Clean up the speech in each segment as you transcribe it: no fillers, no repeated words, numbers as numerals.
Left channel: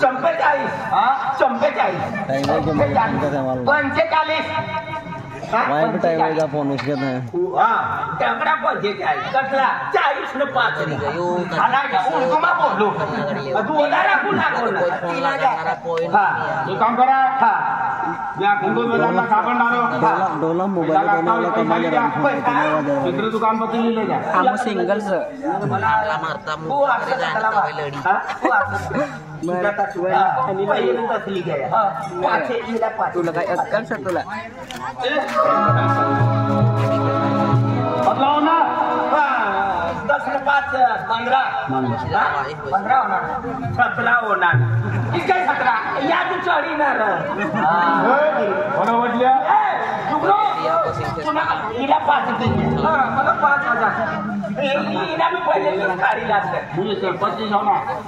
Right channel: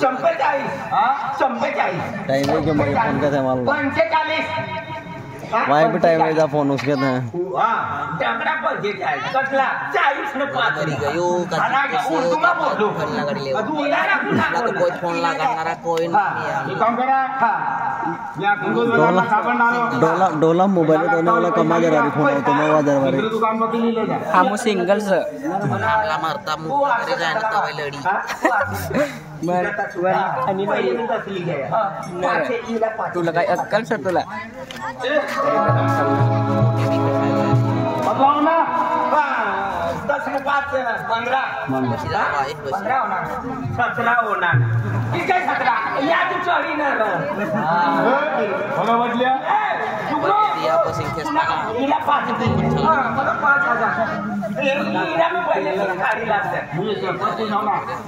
चंपेचाळीस 45 phone उसके टकरा 45 कसला 40 ने 5 डोला मोबाईल कमाल सिंगल तुला काय अक्कल सर तुला बदलाव ना 10 ने 5 15 होणार 17 होणार ठीक आहे 17 या तू चढी ना वाटल्या हिला 5 मला 5000 हिला मी पहिले गाडी लागते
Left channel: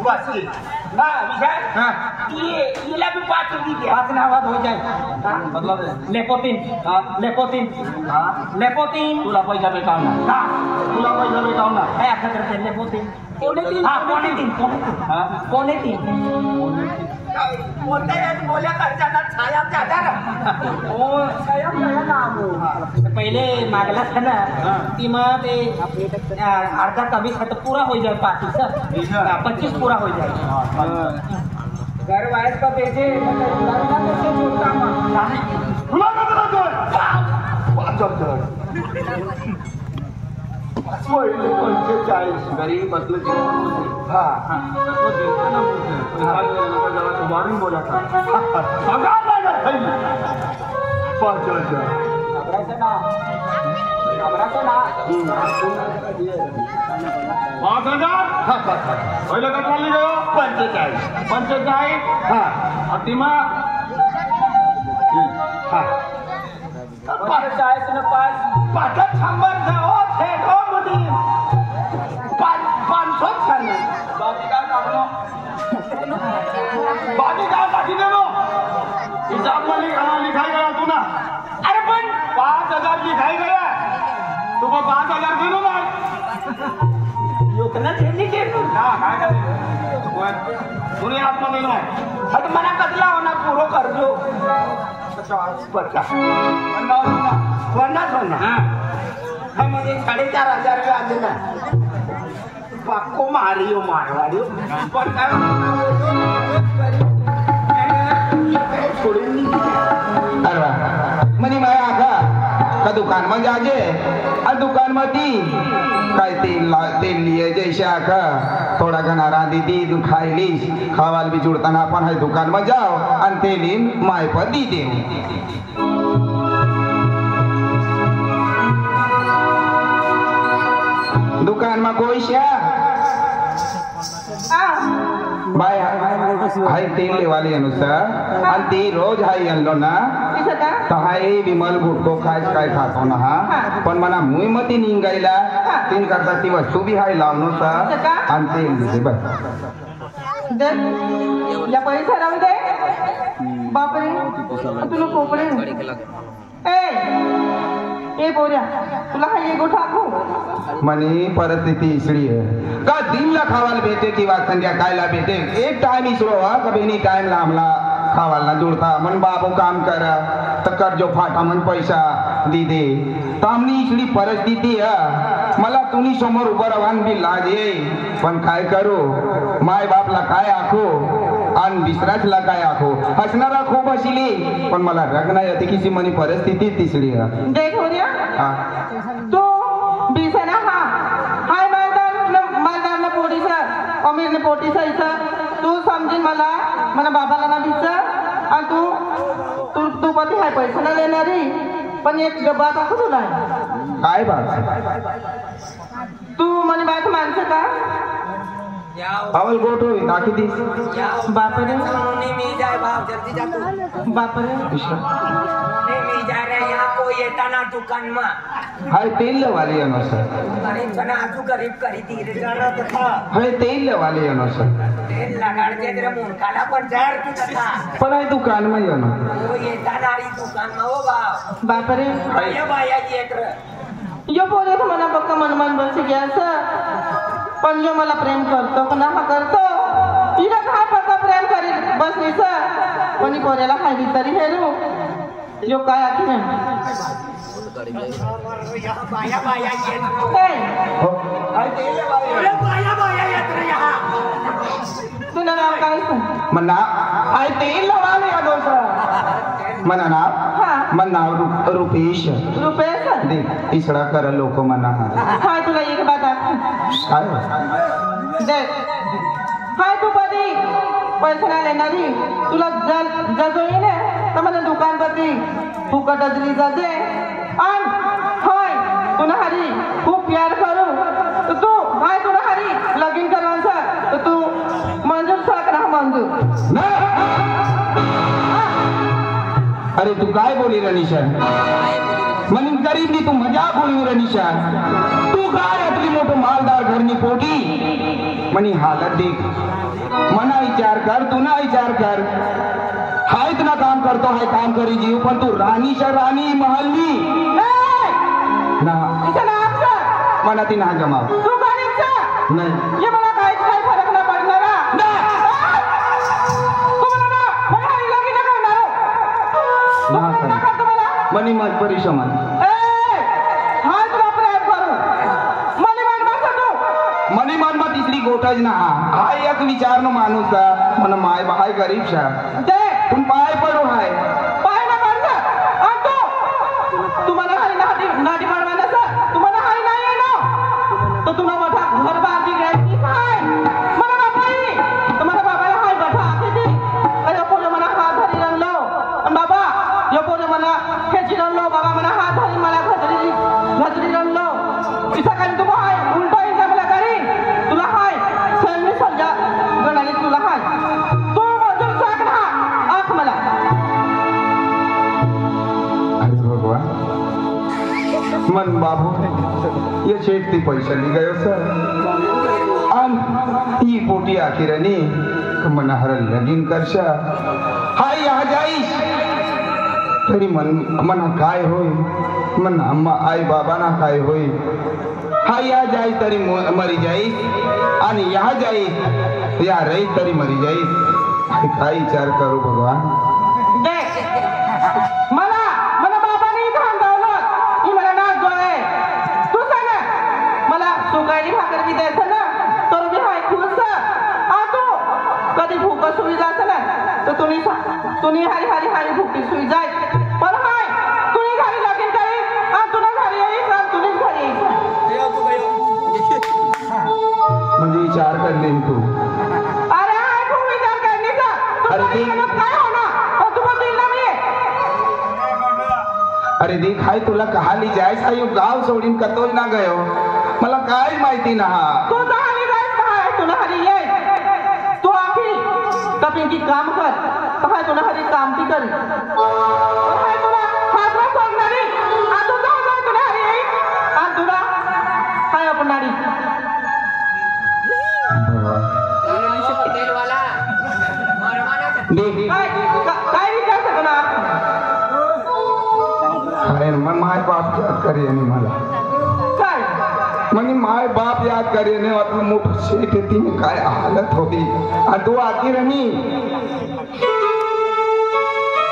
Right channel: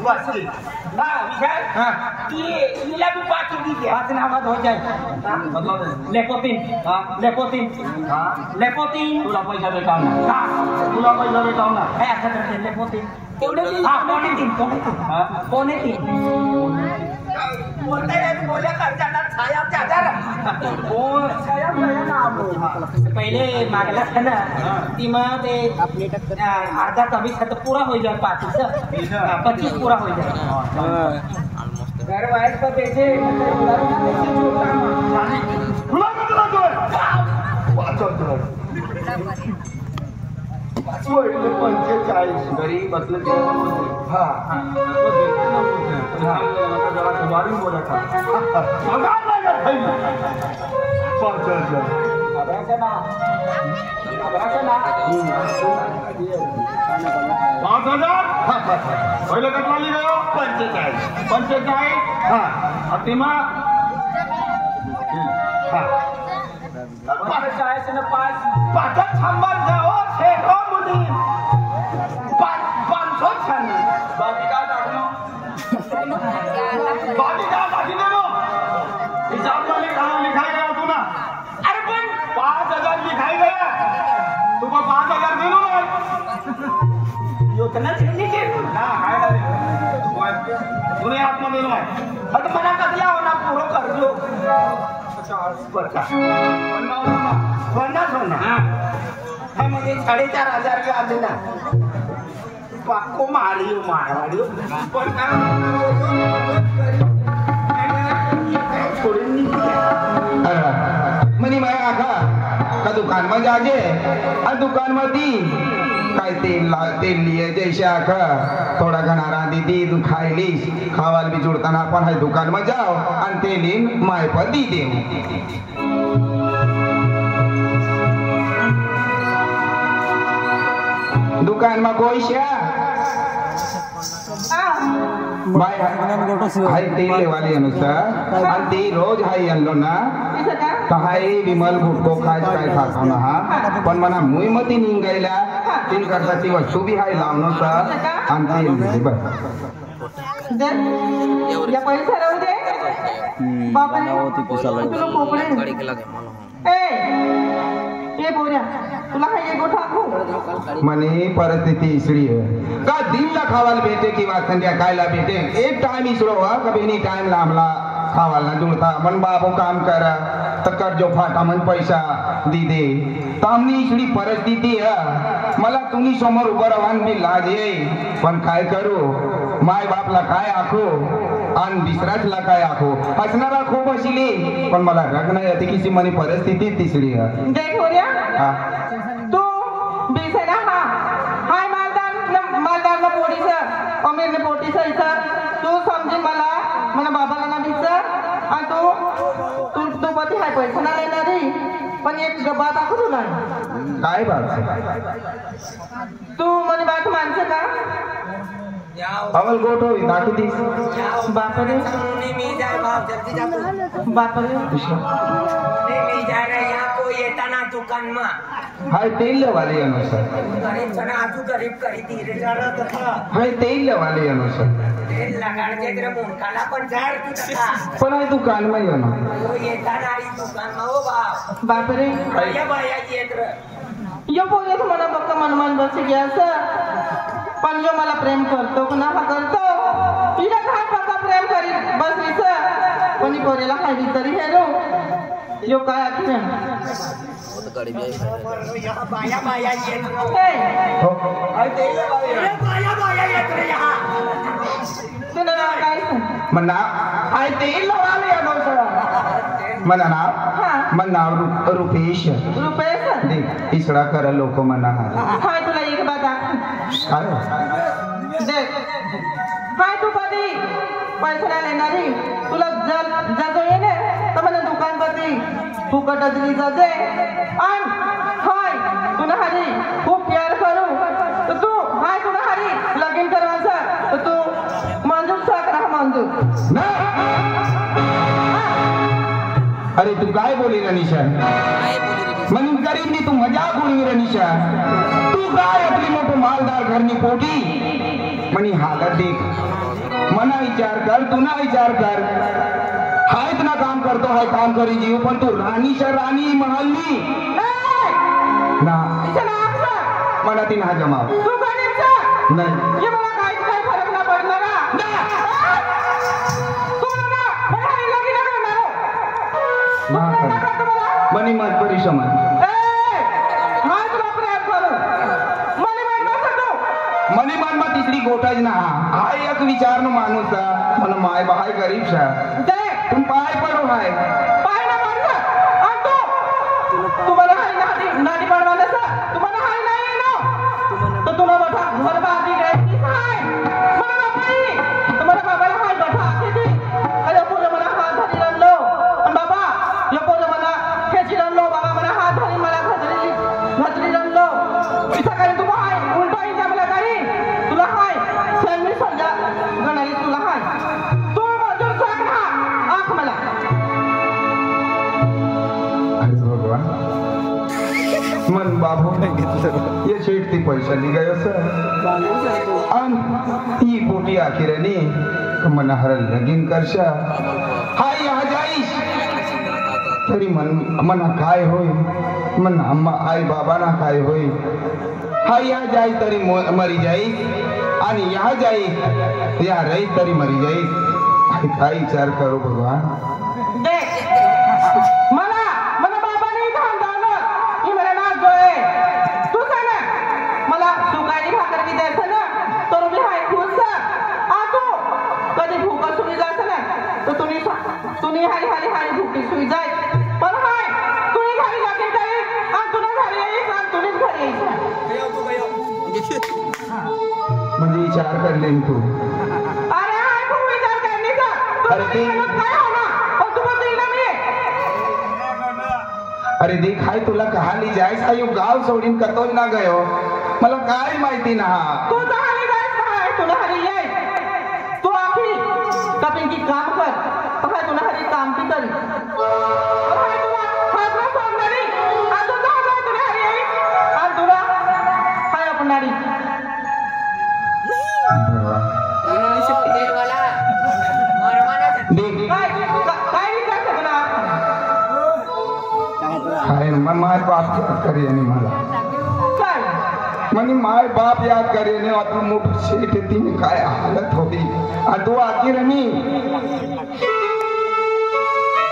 बस ना विजय हिला मी 5 दिली 5 नावात हो जाईल लेपोतीन तुला पैसा भेटावणार काय असं करते लेपोतीन पोने तीन बोलल्या खर्चाना छाया पहिले मागला था ना ती मग ते अर्धा कमी तो पूरा हो जाए 25 पूरा हो जाए घर वाइज पर देखे गरीब बसले वाढून बोला था 5000 पहिले कटरा लिहिलं 45 हा अतिमा 45 ने 5 छप्पन जाओ 500 छन बाकी काय टाकणं बाकी काय टाकी देणं हिसाब मध्ये लिखाई गया तू ना अरे पण 5000 लिखाई गया तू 5000 देणं नाही योजना छेली के ना काय नाही कोणी आतमध्ये नाही आता मना कसला होना पुरो करजो 50 हां मध्ये 4500 आले ना पाको मारियो मारवाडी पण काय छोडून अरे मनी माया का दुकान में जाजे आ दुकान में दी काय तेल लिए जैसे आखा थोड़ा घना रांधी दी तू खाई लीस खावाल भी जुड़ताना अपन है दुकान में जाओ और तेलीन माए पर दी दे दुकान में कोई शा भाई हाय तेल लेवाले अनुसार आणि ते रोज हाय आणलो ना तर हाय विमल भुट्टो काय खाता ना हा पण मना मुई मती निघायला तीन करता ती वस्तू बी हाय लावनो सा आणि तेल दिसे बस या पैसा राहू दे बापरे तुला कोपडे ए बोल्या तुला काय ये गोठा खाऊ मनी परिस्थिती इसरी है का दिन ला खावाल भेटे किंवा संध्या खायला भेटे एक टाइम इसरो हा कभी एनी टाइम ला हमला खावाल ना जुड़ता मन बाबू काम करा तकर जो फाटा मन पैसा दी दे तामनी इसरी परिस्थिती है मला तुम्ही समोर उभं राहून बी लाज येई पण काय करू माय बापला काय आखो आणि दुसऱ्याचला काय आखो हसणारा खूप हसली पण मला रग नाही येते किसी मनी परिस्थिती तिसरी है देख हो गया तू बीसना हा हाय मालदार न पोटीचा अमीर न पोटीचा इथं तू समजी मला बाबाला ना बीच आणि तू पती हाय पैसा ना लेणारी पण एक डब्बा टाकू तुला काय बात तू मने बात मानसे का अमल गोठो दाखी दी बापरे मी जाय भाव जल्दी जा तू बापरे मी जाय रे यहाँ कोई येताना दुकान में हाय तेल वाले अनो सर गरीब जना आजू गरीब करी धीरे जाना तथा हाय तेल वाले अनो सर तेल लगाड़ के तेरे मुंडकाला पण जार तू तथा पण हाय दुकान में अनो वो येताना री दुकान में हो भाव बापरे ये बाया येत रे यो पोरे तो मला पक्का मनमान बस गया सर पण यो मला प्रेम करतो का ना करतो बस निसं कोणी पोऱ्याला खायली तरी हेरू यो काय आखी बाया बाया येत काय हो बाया बाया येत रे हा तुला नाव काय मन नाव आय ते लवाले या दोस्त मन नाव मन नाव रुपेश रुपेश देख इसड़ा कर लोक मना हाय तुला एक बात आखी काय देख हाय तू कधी पैसे नाही येणारी तुला जर येणे तर मला दुकान करती फुकट दिली जाते आणि हाय तुला हरी खूप प्यार करू तर तू हाय तुला हरी लगीन करवायचं तर तू मंजूर सक राहा मंजूर अरे तू काय बोली रनिशा मन गरीब नी तू मजाक बोली रनिशा तू काय आपली मोठं मालदार घरनी पोटी मनी हालत देख मना विचार कर तू ना विचार कर हाय ना काम करतो हाय काम करी जीव पण तू राणीच्या राणी महलनी ना मना ती ना जमा तू गरीबचा नाही ये मला काही काही फरक ना पडणार मनी मत परिश्रम मनी मन मग तिसरी गोठच ना हा एक विचार न माणूस मन माय बाय गरीब शा तुम पाय पडू हाय तुम्हाला हाय नाटी पडवायला तुम्हाला हाय नाही येणं तर तुला मोठा घर बांधली घ्यायची हाय मला बाबाई तुम्हाला बाबाला हाय बाबा किती अरे पोरं मला हात धरी आणलो आणि बाबा या पोरं मला खेची आणलो बाबा मला हात धरी मला घसरी आणलो सकाळी तू हाय उलटा इंटा मला गाडी तुला हाय सेल्फी समजा गणाली तुला हाय तू मजूर साक ना आख मला अरे भगवान मन बाबू ये शेठ ती पैसा निघायो सर आन ही पोटी आखिरनी मना हर लगीन करशा हाय या जाईस तरी मना काय होय मन अम्मा आई बाबा ना काय होय हाय या जाई तरी मरी जाई आणि या जाई या रही तरी मरी जाई काय विचार करू भगवान देख मला बाबाने थांबवलं की मला ना जोय तू सांग मला सुकाई भाकर बी द्यायचं ना तर बी हाय खुश आ तू कधी भूक सुई जायचं ना तर तुम्ही हारी भुकटी सुई जाय पण हाय तुम्ही घरी लगीन करीन आणि तुला घरी येईस आणि तुम्हीच घरी येईस म्हणजे विचार करले तू अरे हाय खूप विचार करण्याचा अरे ते काय होणार तू पण दिला मी अरे देख हाय तुला कहाली जायस आयो गाव सोडीन कतोय ना गयो मला काय माहिती ना तू जायला जायचं हाय तुला हरी ये तू आखी कपिंकी काम कर हाय तुला हरी काम ती करी हाय तुला हातला सोडणारी आणि तू जा तुला हरी येईस आणि तुला हाय आपणारी देख काय विचार सकना अरे माय बाप याद करे आणि मला काय म्हणजे माय बाप याद करे ने आपलं मोठं शेठ येते काय हालत होती आणि तू आखी रमी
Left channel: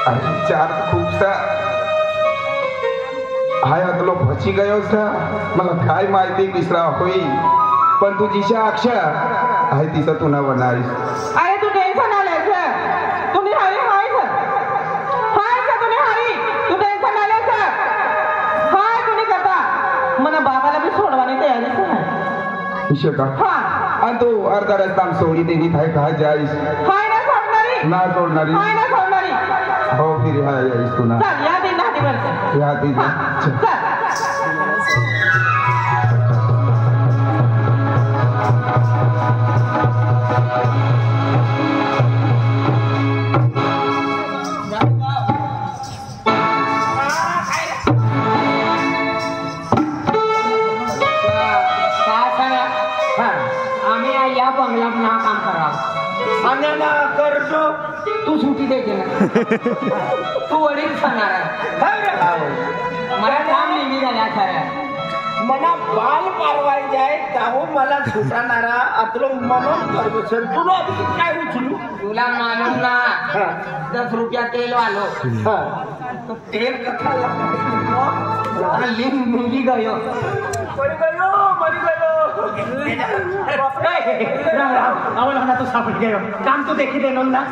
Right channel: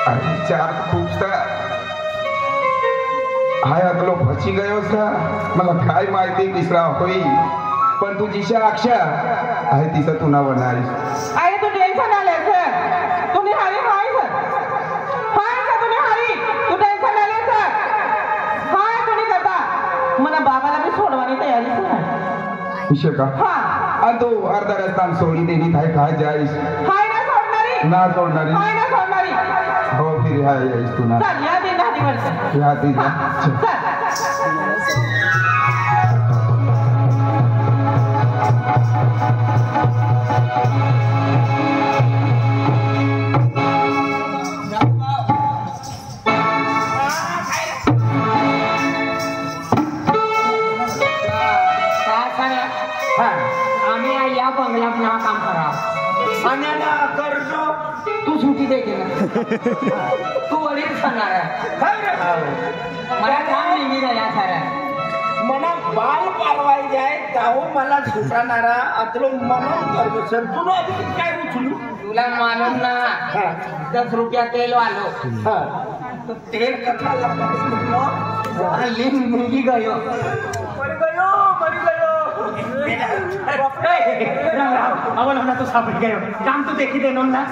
अरे चार खूप हाय अगलो फसी गयो मला काय माहिती तिसरा होई पण तुझी अक्षा आहे तिचा तू ना बनारी अरे तू टेन्शन आलायचं तुम्ही हरी हाय सर तुम्ही हरी तू टेन्शन आलायचं हाय तुम्ही करता मला बाबाला मी सोडवानी तयारी विषय का हा आणि तू अर्धा रस्ता सोडी देवी थाय का जाईस हाय ना सोडणारी ना सोडणारी हाय ना सोडणारी हो फिर हाय जाईस तू ना चल या दिन नाटी वर्ष या ती जा चल आम्ही या बंगल्यात ना काम करा आम्ही ना करतो तू सुट्टी देते तू वडील सांगणार आहे मला काम निघी झाल्या खऱ्या मला बाल पारवायचे आहे त्याहून मला सुटाणारा अतलो मनन करतो सर तुला आधी काय उचलू तुला मालूम ना 10 रुपया तेल वालो तो तेल कथा लिम मिली गयो मरी गयो राम राम आवल होना तो सापड गयो काम तो देखी देनो ना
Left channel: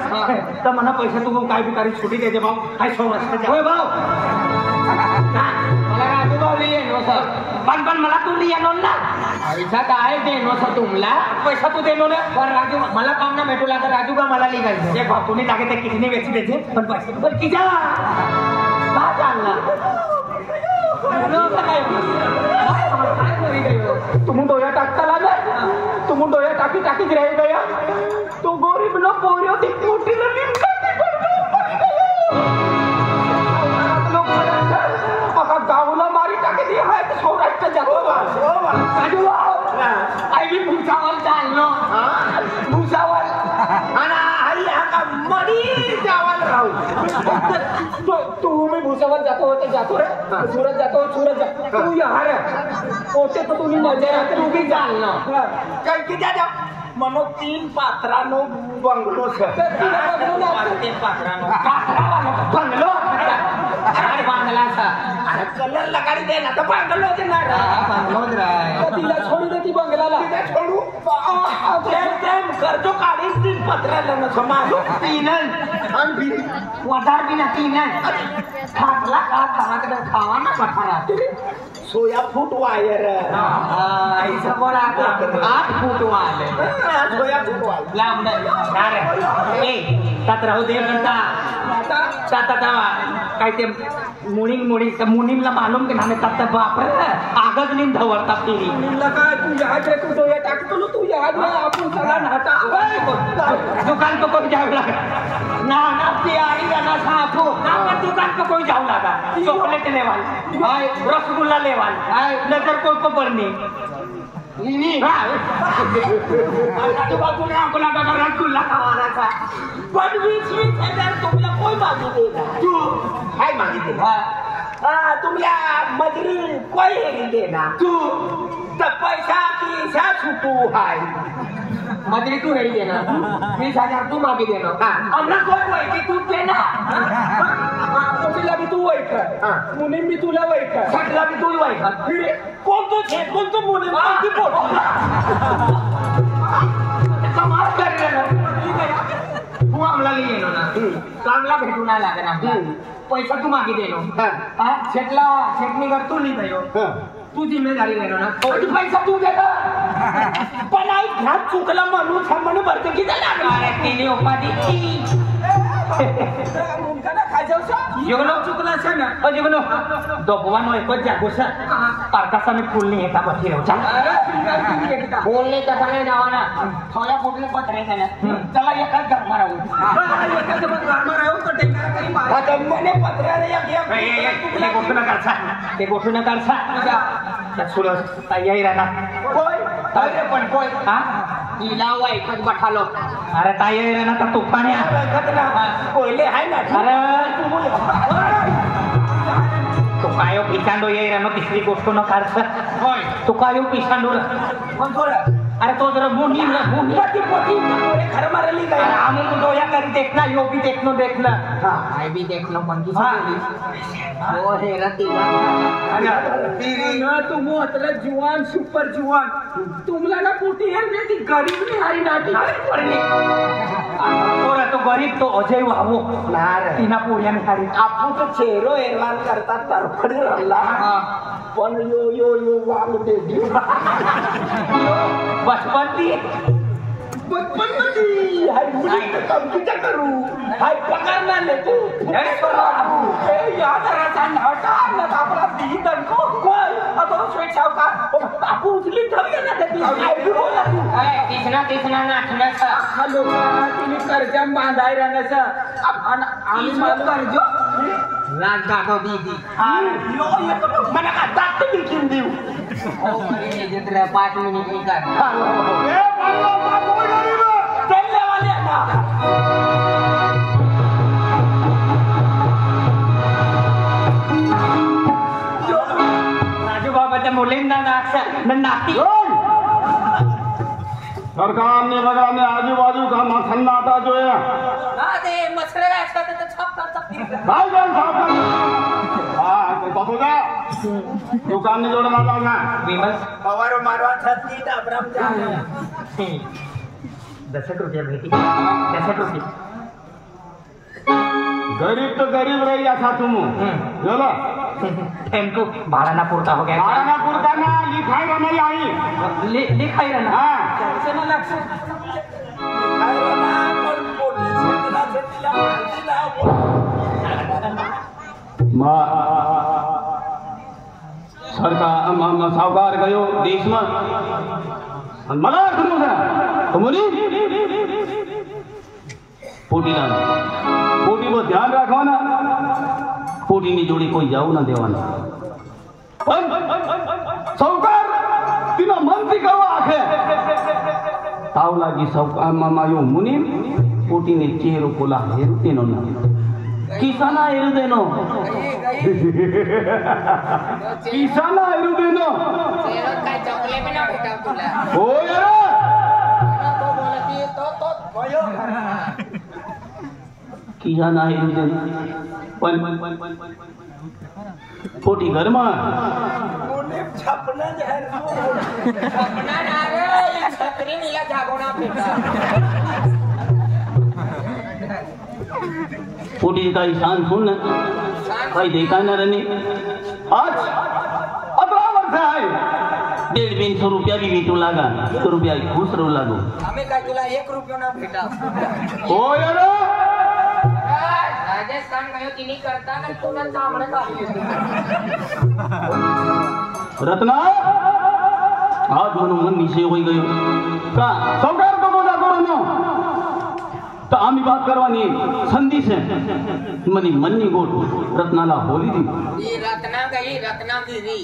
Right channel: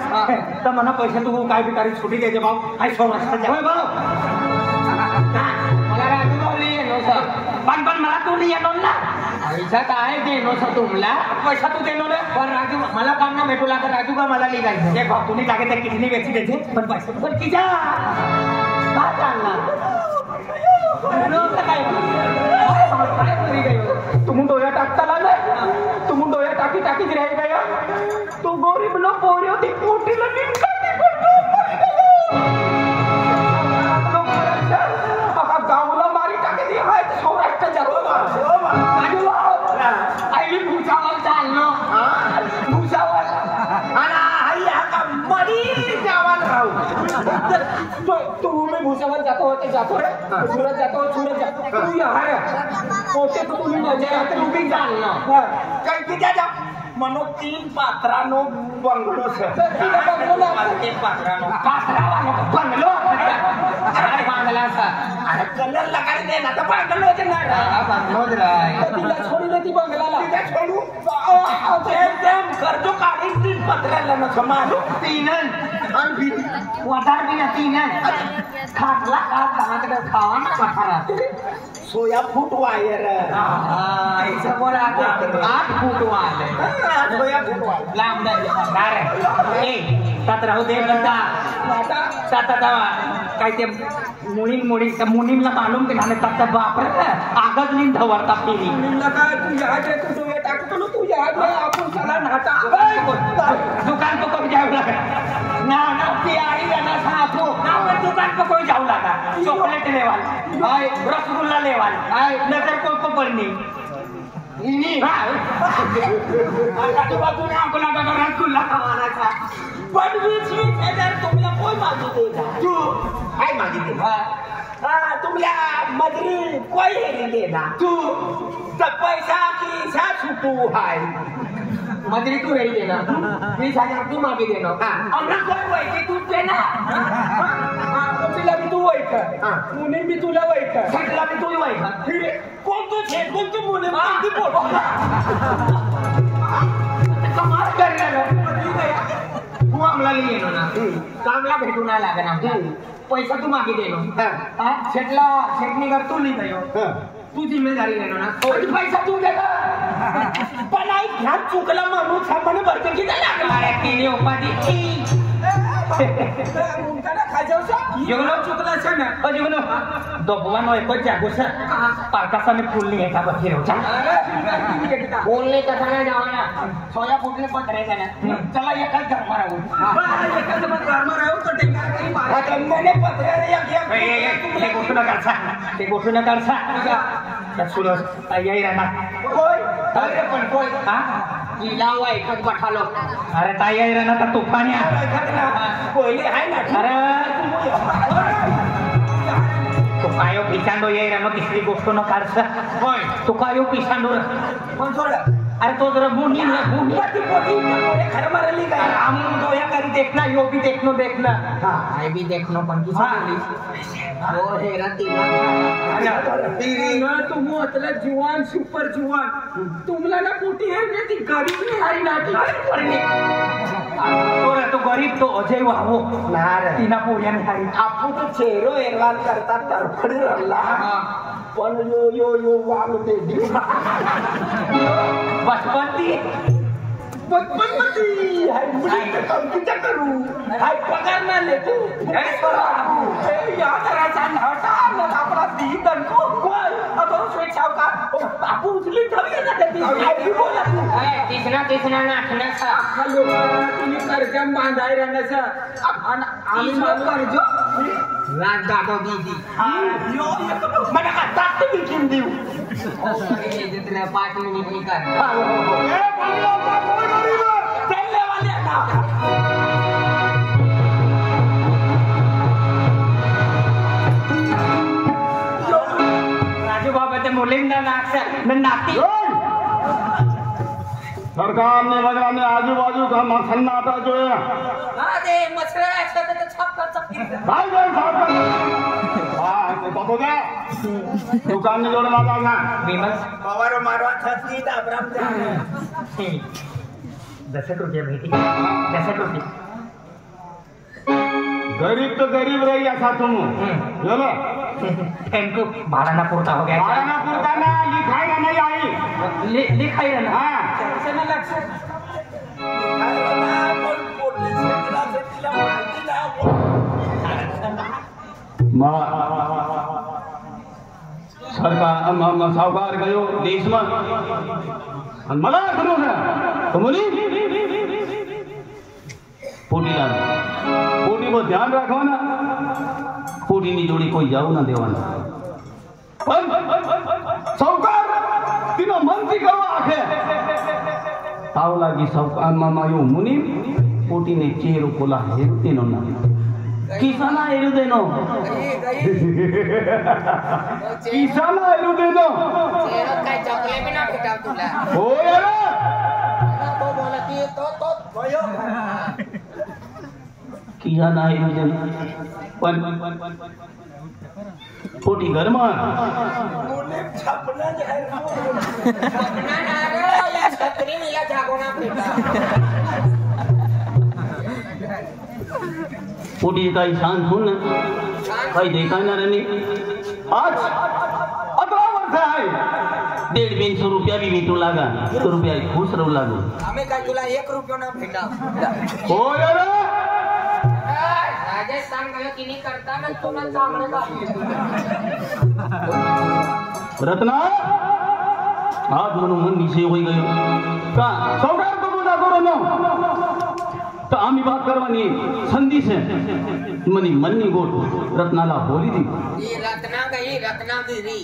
तर मना पैसे तू काय भी तारीख छुट्टी दे भाऊ हाय 100 रस्ता होय भाऊ मला राजू भाऊ येनो सर पण मला तू येनो ना पैसा काय देनो सर तुम्हाला पैसा तू देनो रे पण राजू मला काम ना भेटू लागला राजू का मला लिहायचं एक भाऊ तुम्ही जागे ते किडनी वेची देते पण पैसे पण किजा का जानला काय मरी गयो तुम डोया टाकताला ना तुम डोया टाकी टाकी रह गया तो गरीब नो पोरियो ती मोठी लगी मका गावला मारी टाकी दी हाय ते सौराष्ट्र जातो राजू आई भी भूसावल चाललो भुसावल आणि आई हा मरी जावाल राहू तुम्ही भुसावल जातो रे सूरज जातो तू यहाँ रे पोते तो तुम्ही मजा राहते तू भी चाललो काही की दादा मनो 3 पात्रानो बंगलो सर ते पात्रानो बंगलो अरे बांगला सा अरे कलर लगाडी दे ना तर बंगलो ना बंगलोच राय तिला छोडी दे ती बंगलाला तिथे छोडू एकदम कर्जो काढी 3 पत्राला नको मारू 3 आणि वधार भी नती ना खातला का खावाकडे खावा ना पठारा सोया फूट वायर ऐसा बोला 8 फूट वाले सोया फूट वायर लांब अरे ए तात राहू दे म्हणता तात काय ते मुनींला मालूम ते ना तात बाप रे आगच नीन धवरता फिरी काय तू यहाँ रे तू डोया टाकतो तू यहाँ रे आपण चला नाटा दुकान को कोई जाऊ लगा ना ते आई ना साफो ना पर दुकान को कोई जाऊ लगा चॉकलेट लेवाल हाय रसगुल्ला लेवाल हाय नजर को पड़नी इनी आजूबाजूने आपला रसगुल्ला खावाना था पण 20,000 तुमला कोई मागी देगा तू हाय मागी दे तुमला मजरी कोई हेरी देना तू तर पैसा की छुटू हाय मजरी तू हेरी देना 20,000 तू मागे देना अन्न कोण वैकी तू देना तुला भी तू वैक मुनी भी तुला वैक सगळा मी तू वैक कोणतो छे कोणतो मुनी मागी बोल कमाल करले तू आमला येनो ना चांगला भेटू नाही लागणार पैसा तू मागे देनो शेटनी कर तू नाही गयो तू जिम्मेदारी घेनो ना पैसा तू देता पण आई ह्यात चुकला म्हणून सामान्य भरतं की झाला तिने उपाधी मुनका ना खाजावसा जेवलो चुकला छे ना जेवलो दोबवानो एको जागो सा पारकासा में फूल नहीं है बची रहो जा बोलने का समय जावाना सोया फुटले पत्रे का ना चला ये कल घर मारा एका जब घर में रहो तो टेंगा करी मार आता मने पत्र्याने एक ते गोष्ट न करसा सुनो तयारी राहणार कोय अरे पण कोय हा इलावा एकच बठालो अरे तयारी राहणार का तुपाण्या कोयले आहे ना अरे तो कायो पिसांडो ये रानो तिसरी गोष्ट न काढसा होय तो कायो पिसांडो पण सोड अरे तो जरा मुनी पती मोरे खरं मारली काय आम्ही दोया करी देखना यो भी देखना आई भी देखनो पण की वो हे ना तुम मतलब जुआन सुपर जुआन तुमला ना पोटी है बेटी गरीब नहीं हारी नाटी और तो गरीब तो अजय वाहो नार तीना पोरियान हारी आपण तो चेहरो एरवान करतात तरफडी रल्ला पण यो वाल दे बचपन मध्ये हाय मुली कंपनीचा करू हाय पगार ना ले तू याद राहता नाटा ना आपला दी दनको कोण आता स्वेट साव का आपू उचली ठरले ना ते हाय भी बोला तू किसना नाटण्याचा हॅलो तुम्ही कर्जा बांधाय राहण्याचा आम्ही माल कर्ज राज दादो दीदी मला का दात बिकिन देऊ ओ करे जितले 5 मिनिट की कर तेले वाले ना राजू बाबाच्या मुलींना लागतं नाती सरकारने बघाने आजूबाजू का सन्नाटा जो है अरे मसरा ऐसा तो छाप कर सकती है काय जाण साफ कर हां तो बाबू जा दुकान ने जोड़ना जाना विमल पवार मारवा छाती दाबराम जा 10 रुपये भेटी 10 रुपये गरीब तो गरीब रही असा तुम चलो थैंक यू भाड़ा पुरता हो गया भाड़ा पुरता ना लिखाई ना नहीं आई लिखाई रहना हाँ चला लक्ष सरकार सावकार गयो देश में मला करू ना तुम्ही पोटीला पोटीवर ध्यान राखवा ना पोटीनी जोडी कोई जाऊ ना देवाना पण सावकार तिनं मनती कवा आखे ताव लागी सावकार मामा यो मुनी पोटीने चेहरो कोला हेरू देनो ना किसाना हेरू देनो किसाना हेरू देनो काय चपले में ना भेटा तुला हो यार तो बोलती तो भयो किसाना हेरू देनो पण पोटी घरमा मुने छपना जाहिर सपना ना रे ये छतरी नीला जागोना भेटा पोटी काही शान सुन ना काही देखा ना रनी आज 18 वर्ष आहे 150 रुपया भी मिटू लागा तो रुपया खुश रहू लागो हमें काय तुला 1 रुपया ना भेटा हो यार राजस्थान गयो तिनी करता ना तुला सामने आली रत्ना आज म्हणून मन विषय होई गयो का सावकार को बोला करो नो तो आम्ही बात करवानी संधी से मनी मन्नी गोट रत्नाला बोली दी ये रत्ना गई रत्ना गिरी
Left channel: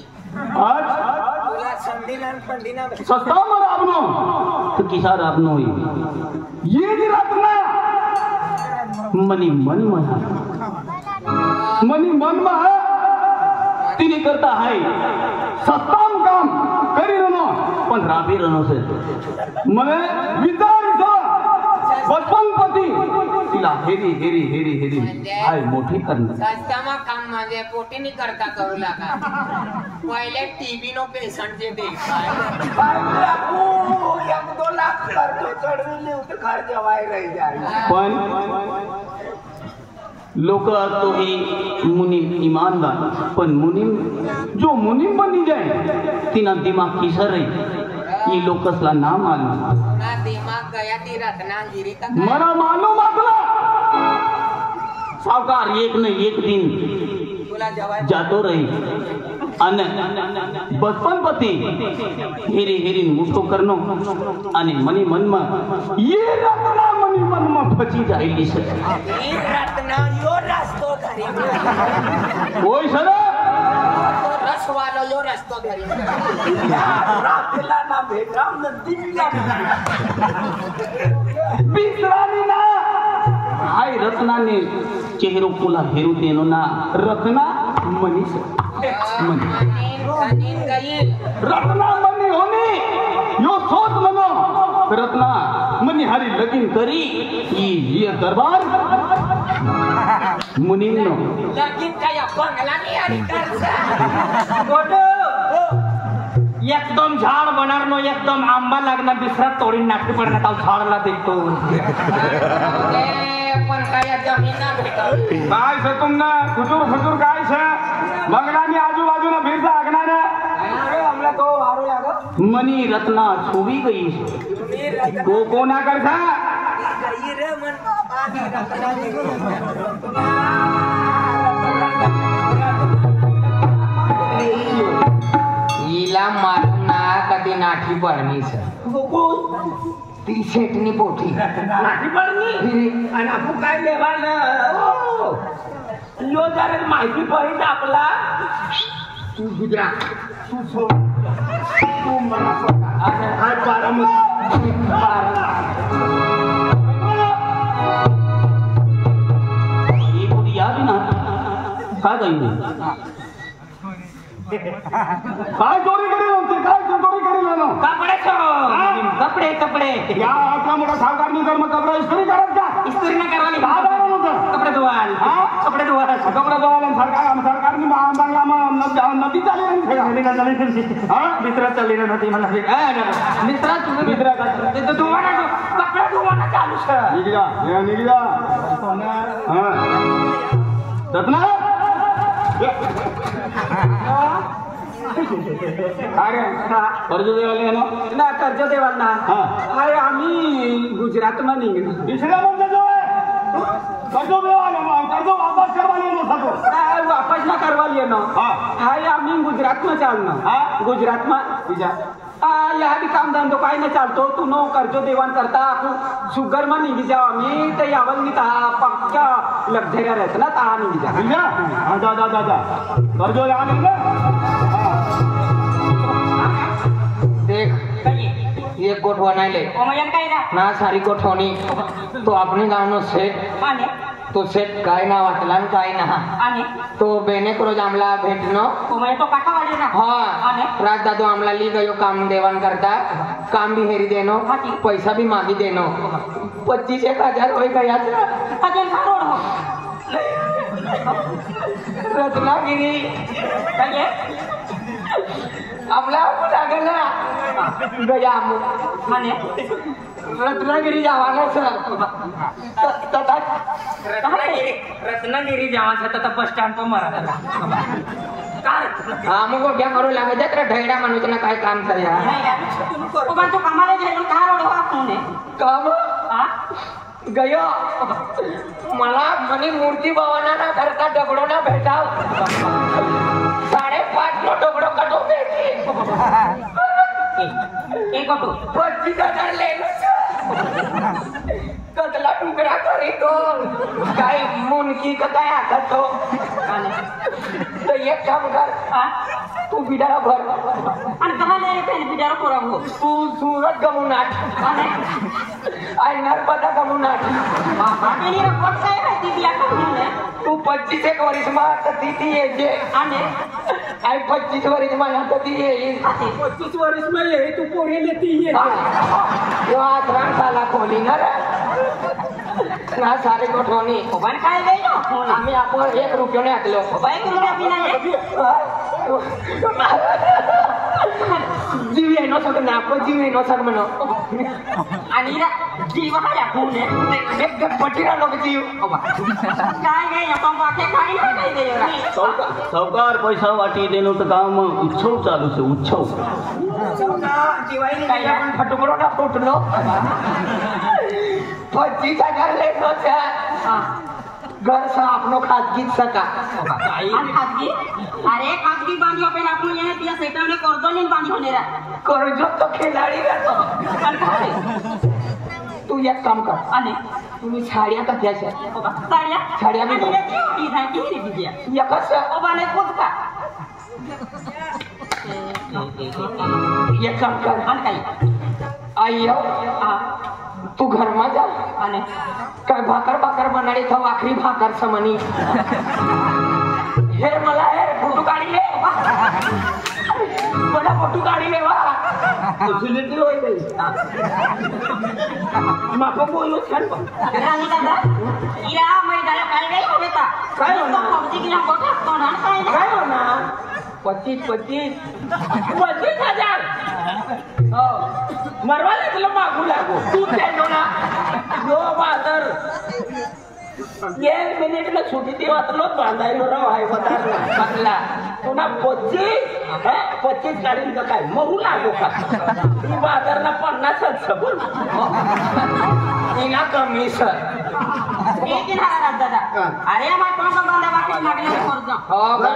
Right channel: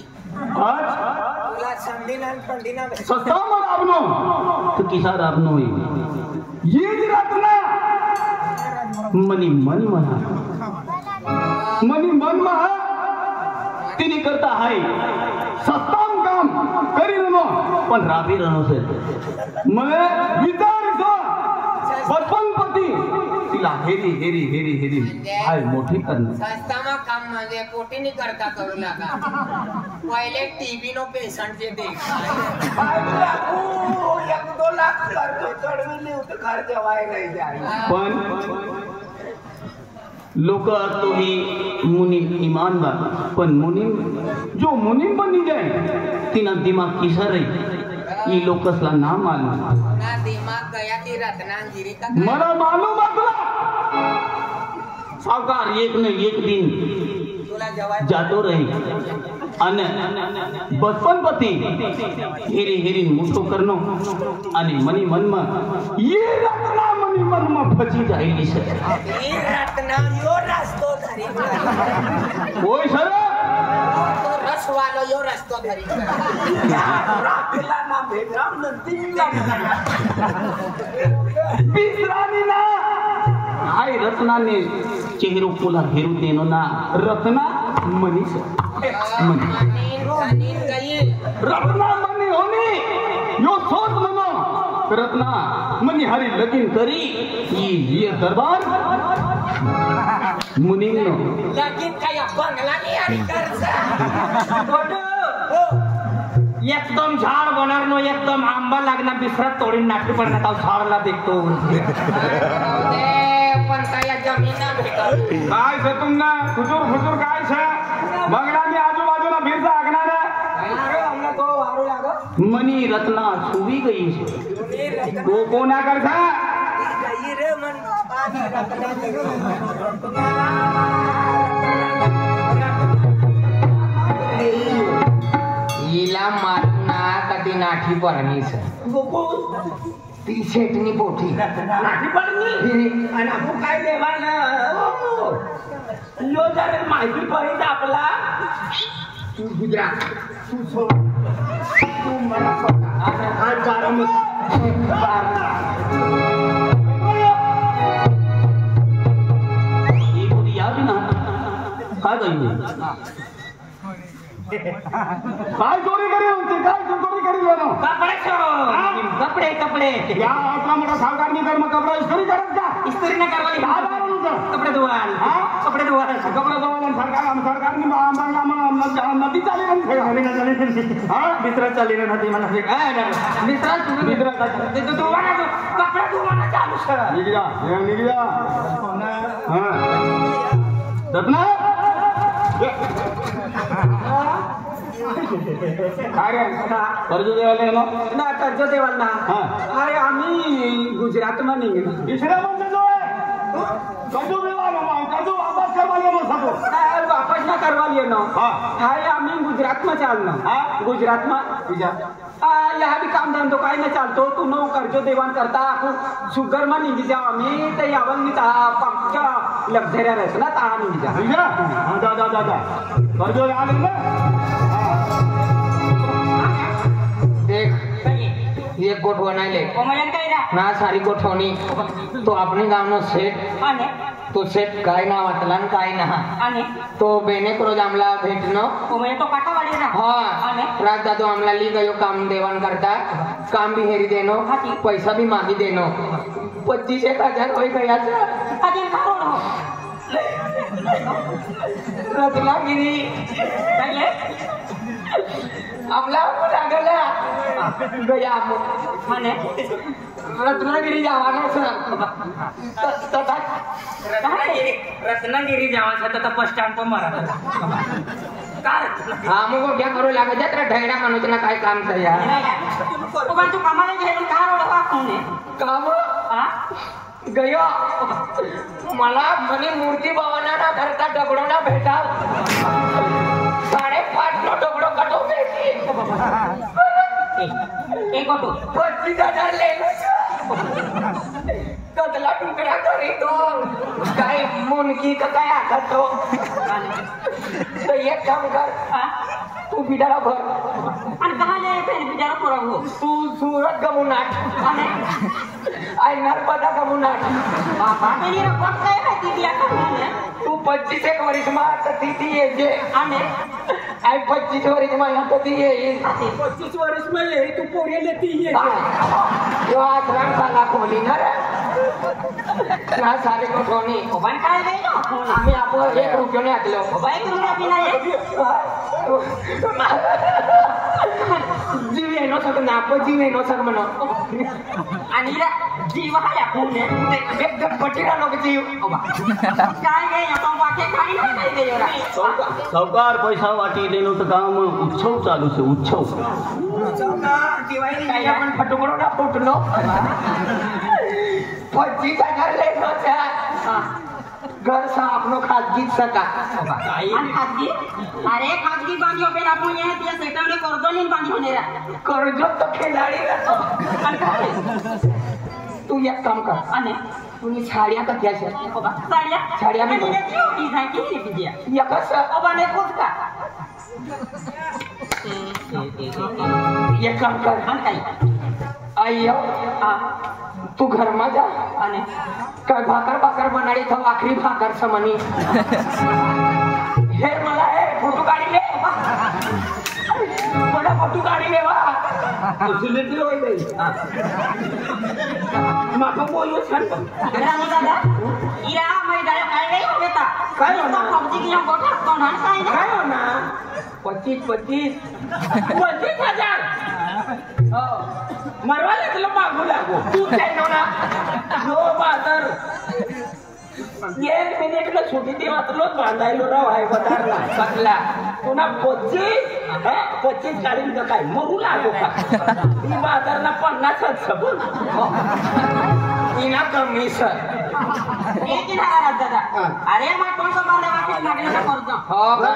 आज तुला संधीना पंडीना सस्ता मर आपनो तो किसा आपनो ही ये जी रत्ना मनी मन महा तिने करता आहे सत्ताम काम करी नो पण राबी रहनो से मने विचार बचपन पती तिला हेरी हेरी हेरी हेरी हाय मोठी करणं संस्थामा काम म्हणजे पोटी नहीं करता करू लागा पहिले टीबी नो पेशंट जे देखाय 1-2 लाख खर्च चढविले होते खर्च वाय रही जाय पण लोक तो ही मुनी ईमानदार पण मुनी जो मुनी बनी जाए तिना दिमाग किसर रही ये लोकसला नाम मालूम ना दिमाग गया ती रत्नागिरी का मला मालूम असला सावकार एक न एक दिन तुला जवाब जातो रही અને બચપન પતિ હેરી હેરી મોટો કરનો અને મની મનમાં એ રત્ના મની મનમાં ફચી જાયેલી છે ये रत्ना यो रास्तो धरी કોઈ સર तो रस वालो यो रास्तो धरी राखेला ना भेटराम न दिला बिसरानी ना हाय रत्नाने चेहरो कोला हेरू तेनो ना रत्ना मनी से मनी नींद गई रत्ना मनी होनी यो सोच मनो रत्ना मनी हारी लगीन करी ये दरबार मुनी नो लेकिन काय बंगला नहीं आली कर एकदम झाड बनणार एकदम आंबा लागणार दुसरा तोडीन नाटकी पडणार झाडला देखतो पण काय जमीन ना भेटत काय से तुमना खुचूर खुचूर काय से बंगला में आजूबाजूला भीड़ आगणार हमला तो वारू लाग मनी रत्ना सुवी गई से को कोना करता गई रे मन बाबा नी रत्ना ईला मारना कधी नाठी पडणी सर ती शेटनी पोठी नाठी पडली आणि आपण काय लेवाल ना यो जरा माहिती पडली आपला तू गुजरा तू सोड तू मला हाय ये बोली याद ना का गई काय चोरी करेल होते काय चोरी करेल ना कपडे कपडे कपडे या आपला मोठा सावकार नाही तर मग कपडा इस्त्री करत का इस्त्री न करवाली काय करायला होतं कपडे धुवाल कपडे धुवाल कपडा धुवायला सरकारने नदी चालली नाही मित्र चालली ना ती मला मित्र धुवाना कपडे धुवाना चालू सर निघा रत्ना अरे कर्ज देवाले ना ना कर्ज देवाल ना हा अरे आम्ही गुजरात में निघलो दुसऱ्या म्हणजे जो कर्ज देवाला कर्ज वापस करवाले नो वापस ना करवा लिए नो अरे आम्ही गुजरात में चालना गुजरात में यहाँ भी काम धंधो काही न चालतो तू नो कर्जो देवाण करता शुगर में निघी जाओ आम्ही ते यावल मी पक्का लक्झरिया रहता ना ता निघी जा जा कर्ज आले ना देख ये गोठवा नाही ले ना सारी गोठवणी तो आपली गावनो सेट तो सेट काय ना वाटला न काय ना तो बेने रोज आमला भेटनो तो काटावाली ना हाँ रात दादो आमला ली गयो काम देवान करता काम भी हेरी देनो पैसा भी मांगी देनो 25,000 हो गया रत्नागिरी आमला लागला गया रत्नागिरी जावाना सर रत्नागिरी जावाचा तर बस स्टँड पर मरा हा मग गोट्या करू लागत जात रे ढैडा म्हणून ना काय काम करया तू कामाला गेलो काय काम गयो मला म्हणे मूर्ती भवाना ना धरता दगडो ना भेटाव 5.5 नो दगडो कटो एक ऑटो 25,000 ले कदला टुकड़ा करी तो काय मुनकी का काय आखतो तो एक काम कर तू बिडारा भर आणि कमाले बिडारा पोरा हो तू सुरत गमुनाट आई नर्मदा गमुनाट बाकी रिपोर्ट काय आहे ती बिया करणे तू 25 वर्ष मा कती ती ये आणि आई 25 वर्ष मा कती ये 25 वर्ष में यही तू पोरे लेती है यो आश्रम साला खोली ना रे या सारे कोठोनी मोबाईल काय गयो आम्ही आपण 1 रुपया ने आकलो मोबाईल तुला जीव येनो सग नाप जीव येनो सग म्हणो आणि जीव हाया कोण एकदम पटिरा लोक जीव काय गयो पण बाकी काही नाही गयो सावकार पैसा वाटी देनो तर काम उत्सव चालू છે उत्सव जीवाई काही आपण फटुकडो ना फुटलो 25,000 लेनो छे घर सा आपनो खाजगी सका आणि खाजगी अरे खाजगी बांधियो पे आपण ये त्या सेटल में कर्ज नहीं बांधियो नेरा कर्ज तो खिलाडी आणि काय तू एक काम कर आणि तुम्ही साड्या कथ्या छे साड्या भी की काय की दिया एकच ओ बने कुछ का एक काम कर आणि काय आइयो तू घर में जा आणि काय भाकर बनाडी था आखरी भाकर समनी हे मला हे फोटो काढी ले बड़ा फोटो काढी ले वा फैसिलिटी होई गई माको बोलो छन रानी दादा या मैं डाल काय गई हो बेटा काय हो ना पबजी की हम गोठा कोण हाण काय हो ना 25,000 हो मरवाले तुला मागू लागो तू जायनो ना जो बादर 1 मिनिट में छुटी ती वातलो बांधायलो राव आहे बदारला बदला तुला 25 काढीन तर काय मरू लागो का ती बादरला 50च सबून इना कमी सर एक हजार दादा अरे मा कोण को बंदा वापस मागले कर्ज हो घर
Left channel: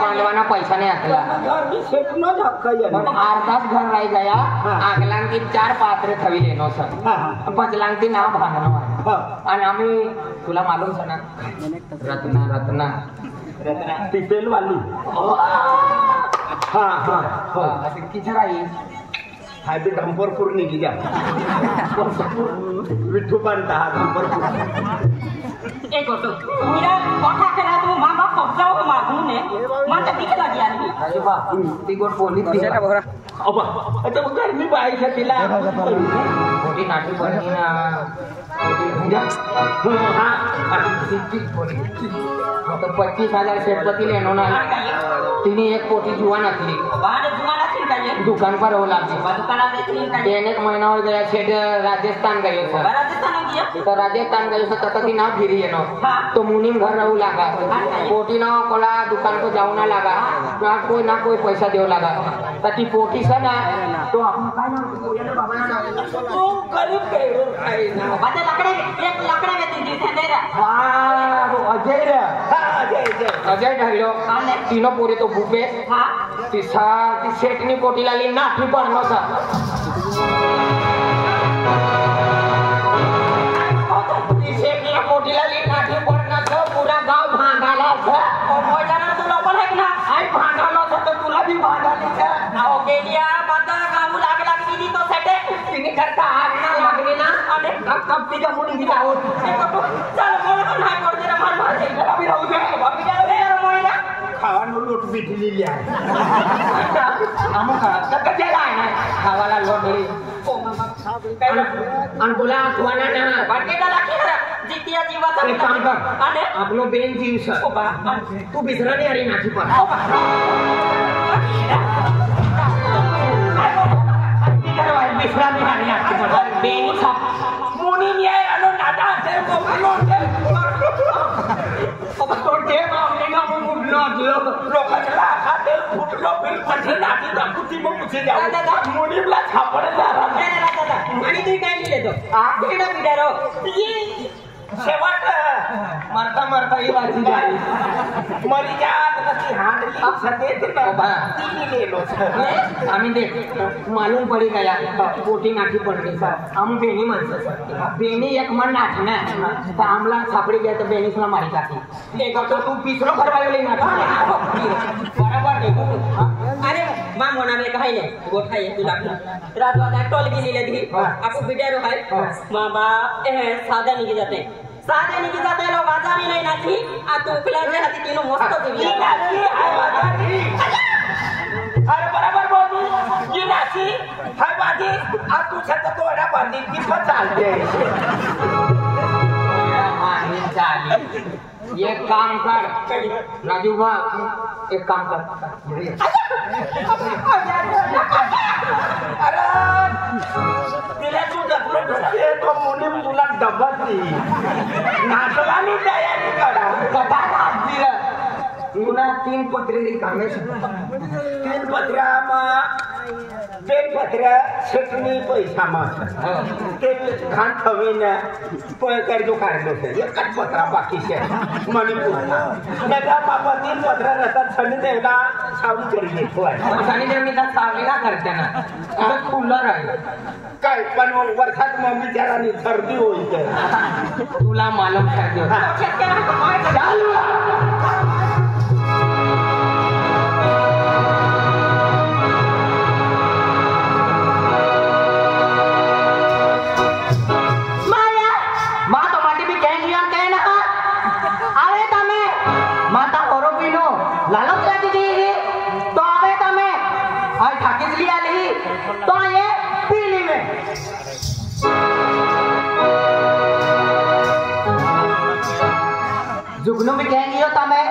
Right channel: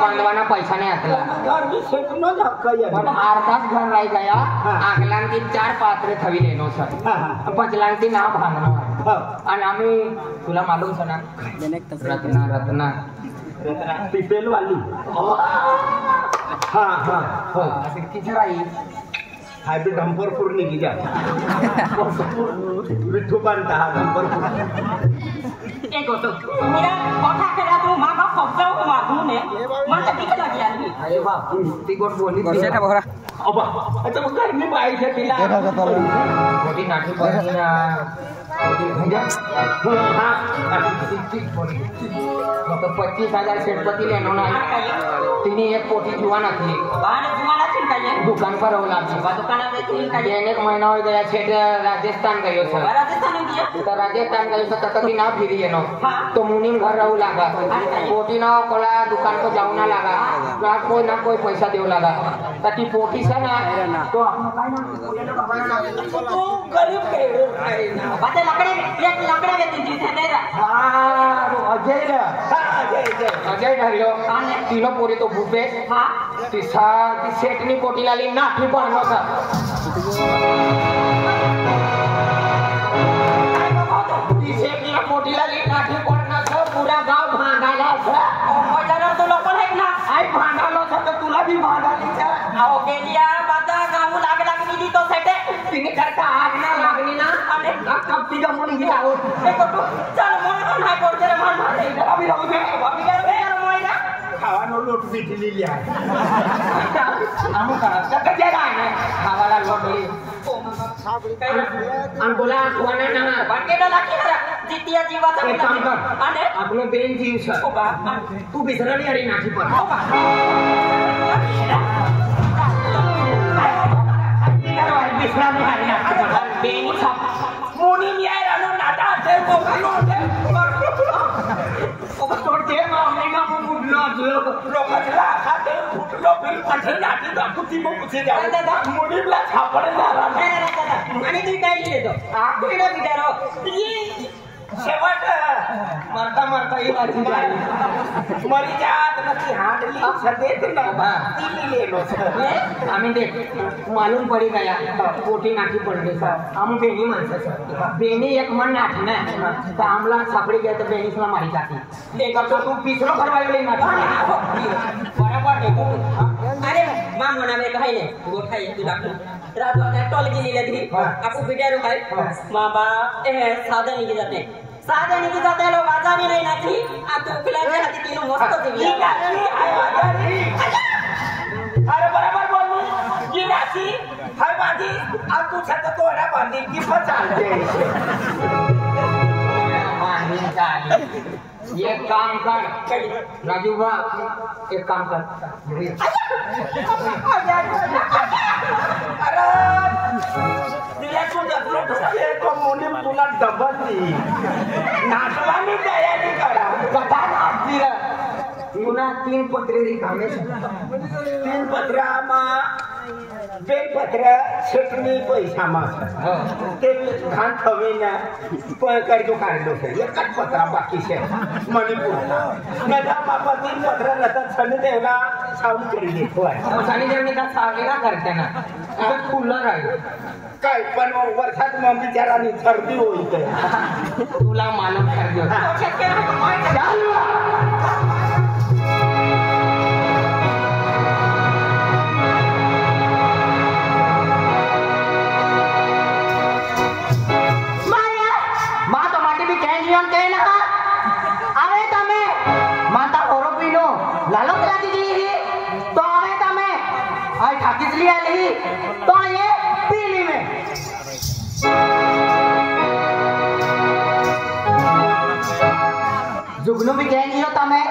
बांधवाना पैसा नहीं आतला घर भी सेट न धक्का पण अर्धाच घर राही गया आगलान की 4 पात्रे थवी लेनो सर पचलान की ना बांधनो आणि आम्ही तुला मालूम सना रत्ना टिपेल वाली हाँ हाँ हो किती राही हाय बी डंपरपूर निघी जा विठ्ठू बांधता हा डंपरपूर एक होतो मेरा कोठा केला तू मामा पगजाव मागून ने मन तर किती लागी आली अरे बा ती गोट बोली ती अबा आता मग गरमी बाईच्या तिला मोठी नाटी पडली ना तो 25,000 शेतपती लेनो ना तिने एक पोटी जुआ नकली दुकान पर हो लागली एक महीना हो गया छेट राजस्थान गयो था तो राजस्थान गयो था तब ती ना फिरी येनो तो मुनीम घर रहू लागा पोटी ना कोला दुकान पर जाऊ ना लागा कोई ना कोई पैसा देऊ लागा तर ती पोटी से ना तो आपण काय ना तू गरीब केडो आहे ना बाते लकडे एक लकडे घेतली तिथे नाही रा हां अजय रा अजय ढालो तीनो पोरी तो भूपे हां तिसा ती शेटनी पोटीला ली नाठी पडनो था ती शेटनी पोटीला ली नाठी पडना तो पूरा गाव भांडाला था बाजारात तो लोक आहे ना आई भांडालो था तो तुला भी भांडाली का आओ गेलिया बाता गाव लागला की तो सेटे तिने करता आग ना लागली ना अरे कब ती गमुनी दी आओ चल मोय नाही पडते रे मान मारे अभी राहू दे अभी रे मोयना खावानो लोट बिटलेली आहे आमो का कच्चे आहे ना खावाला लोटली ओ मामा साबळी काय अंगोला कोणा ना वाटेला लागे जितिया जीवाचा काम कर आणि आपलो बेन जीव सर ओ बा तू बिसरणी अरे नाची पण ओ बा बिसरणी अरे नाची पण बेन छाप मुनी मियाय रानो नाटा ते कोकलो ते ओ बा तोड के मामले ना मुडलो लोकांना खाते फुटलो बिल पठे नाटी दाखवती मग कुठे जाऊ मुनीला छापडे झाला आणि तू काय केले तो आपल्याला बिचारो शेवट मरता मरता ही वाची जाई मरी जात नती हांडली सदेत ना ती ले लो आम्ही देख मालूम पडी गया पोटी नाठी पडली सर आम्ही बेणी म्हणतो बेणी एक मन नाठी ना तर आमला सापडी गया तर बेणीसला मारी टाकली एक तो तू पिसरो भरवायले ना बरोबर देखो अरे मा मोना में काही नाही गोठाई तुला रात वाला टोल गेलेली धी आपको बिटारो है मामा साधा निघी जाते साधा निघी जाते लो बाजारी नाही नाठी आ तू उकलाचे हाती तीनो मस्त देवी अरे बरोबर बोलू की नाची हाय बाजी आ तू छत तोडा बांधी की पण चालते माहीन चालली एक काम कर राजू भाऊ एक काम कर अरे तिला तू डबल ढोकले तो मुली तुला डबलती नाचवानी तयारी करा कथा नाचतील तुला 3 पत्रे रिकामे 3 पत्र्यामा 2 पत्र्या छटणी पैसा मा ते खान थवीन पण करजो काढलो एकच पत्रा बाकी शे मणिपूर मेधा बाबा 3 पत्रा रहता छन देवला सावली चोरी घेतो आहे सानी देवनी का सावली का करते ना आता खुलं राहील काय पण वर्षात मग बिचारानी सर्दी होईल तुला मालूम करजो चालू लालो क्या दीजिए तो आवे तमे आई ठाकिस लिया ली तो ये पीली में जुगनू भी कहेंगी हो तमे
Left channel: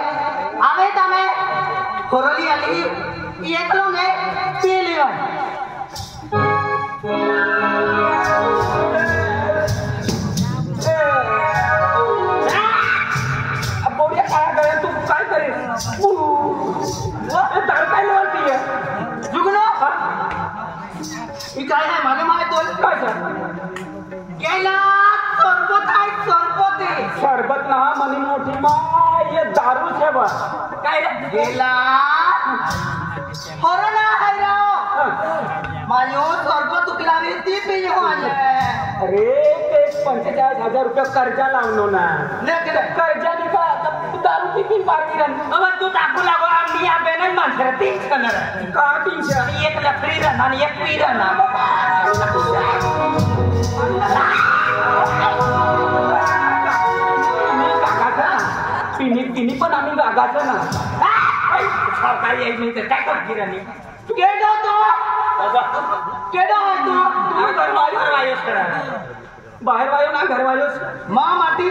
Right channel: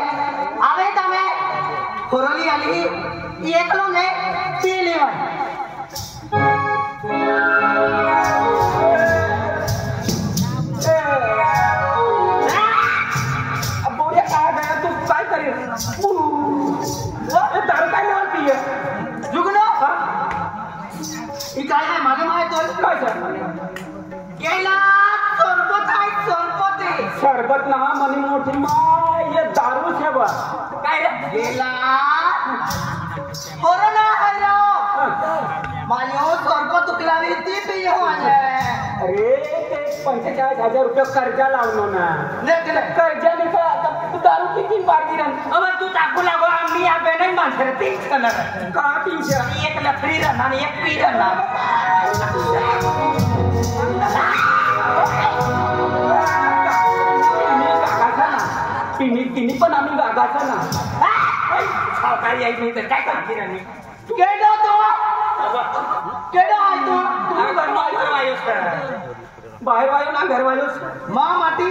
आवे तमे खोरोली आली ये कलो ने पीली में अब बोलिए कहा गया तू काय करे दारू काय लेवलती आहे जुगनो ही काय आहे मालूम आहे तो काय सर केला सरबत आहे सरबत ना मनी मोठी माय ये दारू छे बा काय रे गेला कोरोना है रो मायो सरबत तुकलावी ती पी हो आले अरे ते 45,000 रुपये कर्जा लावलो ना कर्जा दिसा आता दारू किती बाकी रन अब तू टाकू लागो आम्ही या बेनन माणसं ते करणार का 300 एक लफरी रन आणि एक पी रन तिने पण आम्ही गागाचं ना सावकारी आई नाही तर काय करते राणी केडो तो केडो आहे तू तू घर वायोस करा बाहेर वायो ना घर वायोस मा माटी